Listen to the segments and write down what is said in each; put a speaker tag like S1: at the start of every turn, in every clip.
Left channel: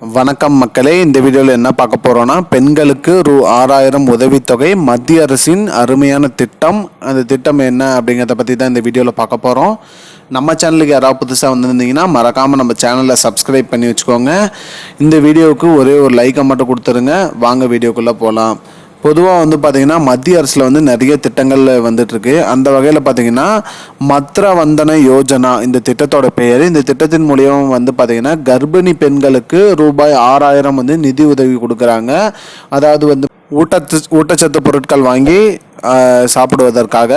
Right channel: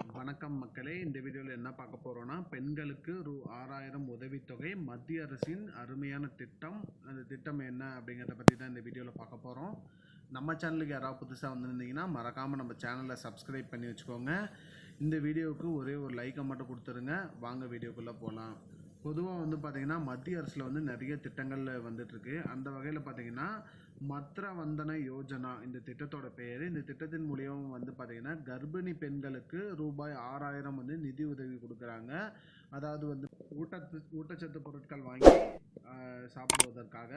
S1: வணக்கம் மக்களே இந்த வீடியோவில் என்ன பார்க்க போகிறோன்னா பெண்களுக்கு ரூ ஆறாயிரம் உதவித்தொகை மத்திய அரசின் அருமையான திட்டம். அந்த திட்டம் என்ன அப்படிங்கிறத பற்றி தான் இந்த வீடியோவில் பார்க்க போகிறோம் நம்ம சேனலுக்கு யாராவது புதுசாக வந்திருந்தீங்கன்னா மறக்காமல் நம்ம சேனலை சப்ஸ்கிரைப் பண்ணி வச்சுக்கோங்க. இந்த வீடியோவுக்கு ஒரே ஒரு லைக்கை மட்டும் கொடுத்துருங்க. வாங்க வீடியோக்குள்ளே போகலாம் பொதுவாக வந்து பார்த்திங்கன்னா மத்திய அரசில் வந்து நிறைய திட்டங்கள் வந்துட்டுருக்கு. அந்த வகையில் பார்த்திங்கன்னா மத்ரா வந்தன யோஜனா இந்த திட்டத்தோட பெயர். இந்த திட்டத்தின் மூலியம் வந்து பார்த்திங்கன்னா கர்ப்பிணி பெண்களுக்கு ரூபாய் ஆறாயிரம் வந்து நிதி உதவி கொடுக்குறாங்க. அதாவது வந்து ஊட்டத்து ஊட்டச்சத்து பொருட்கள் வாங்கி சாப்பிடுவதற்காக.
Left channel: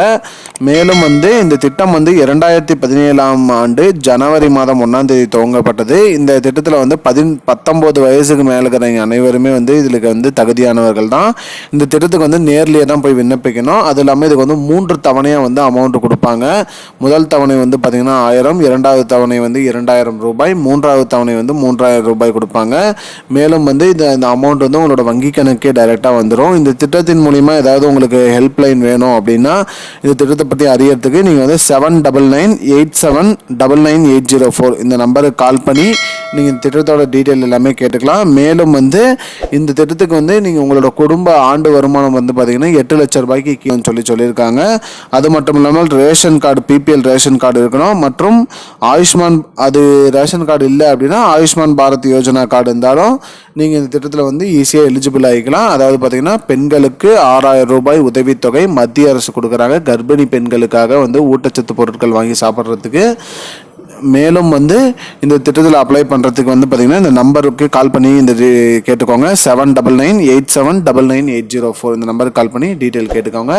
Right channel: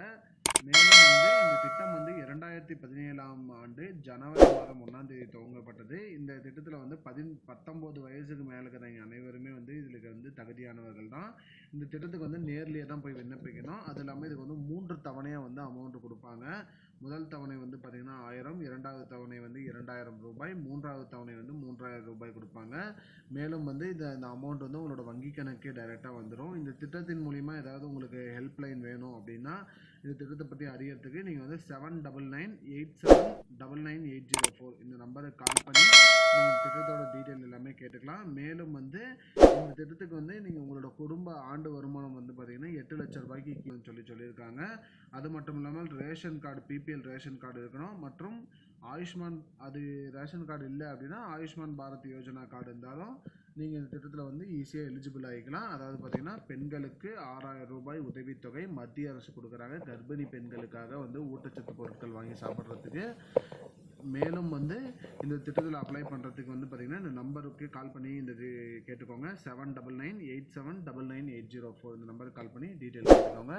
S1: மேலும் வந்து இந்த திட்டம் வந்து இரண்டாயிரத்தி பதினேழாம் ஆண்டு ஜனவரி மாதம் ஒன்றாம் தேதி துவங்கப்பட்டது. இந்த திட்டத்தில் வந்து பதின் பத்தொம்போது வயசுக்கு மேலே இருக்கிறவங்க அனைவருமே வந்து இதில் வந்து தகுதியானவர்கள் தான். இந்த திட்டத்துக்கு வந்து நேர்லேயே தான் போய் விண்ணப்பிக்கணும். அது இல்லாமல் இதுக்கு வந்து மூன்று தவணையாக வந்து அமௌண்ட் கொடுப்பாங்க முதல் தவணை வந்து பார்த்திங்கன்னா ஆயிரம் இரண்டாவது தவணை வந்து இரண்டாயிரம் ரூபாய் மூன்றாவது தவணை வந்து மூன்றாயிரம் ரூபாய் கொடுப்பாங்க. மேலும் வந்து இந்த இந்த அமௌண்ட் வந்து உங்களோட வங்கி கணக்கே டைரெக்டாக வந்துடும் இந்த திட்டத்தின் மூலிமா ஏதாவது உங்களுக்கு ஹெல்ப்லைன் வேணும் அப்படின்னா இந்த திட்டத்தை பற்றி அறியறதுக்கு நீங்கள் வந்து seven double nine eight seven double nine eight zero four இந்த நம்பருக்கு கால் பண்ணி நீங்கள் இந்த திட்டத்தோட டீட்டெயில் எல்லாமே கேட்டுக்கலாம். மேலும் வந்து இந்த திட்டத்துக்கு வந்து நீங்கள் உங்களோட குடும்ப ஆண்டு வருமானம் வந்து பார்த்தீங்கன்னா எட்டு லட்ச ரூபாய்க்கு கீழே சொல்லி சொல்லியிருக்காங்க. அது மட்டும் இல்லாமல் ration card BPL ration card இருக்கணும். மற்றும் ஆயுஷ்மான் அது ரேஷன் கார்டு இல்லை அப்படின்னா ஆயுஷ்மான் பாரத் யோஜனா கார்டு இருந்தாலும் நீங்கள் இந்த திட்டத்தில் வந்து ஈஸியாக எலிஜிபிள் ஆகிக்கலாம். அதாவது பார்த்தீங்கன்னா பெண்களுக்கு ஆறாயிரம் ரூபாய் உதவித்தொகை மத்திய அரசு கொடுக்குறாங்க. கர்ப்பிணி பெண்களுக்காக வந்து ஊட்டச்சத்து பொருட்கள் வாங்கி சாப்பிட்றதுக்கு. மேலும் வந்து இந்த திட்டத்தில் அப்ளை பண்ணுறதுக்கு வந்து பார்த்தீங்கன்னா இந்த நம்பருக்கு கால் பண்ணி இந்த கேட்டுக்கோங்க. Seven double nine eight seven double nine eight zero four இந்த நம்பருக்கு கால் பண்ணி டீட்டெயில் கேட்டுக்கோங்க.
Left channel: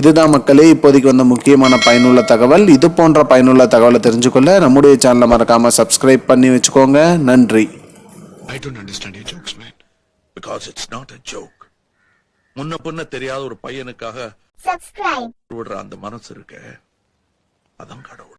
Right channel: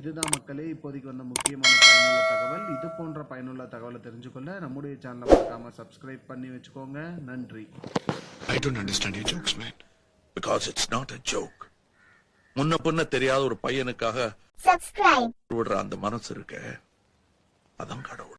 S1: இதுதான் மக்களே இப்போதைக்கு வந்த முக்கியமான பயனுள்ள தகவல். இது போன்ற பயனுள்ள தகவலை தெரிஞ்சுக்கொள்ள நம்முடைய சேனலை மறக்காமல் சப்ஸ்கிரைப் பண்ணி வச்சுக்கோங்க. நன்றி.
S2: I don't understand your jokes, man. Because it's not a joke. முன்ன பின்ன தெரியாத ஒரு பையனுக்காக
S3: subscribe.
S2: விடுற அந்த மனசு இருக்க. அதான் கடவுள்.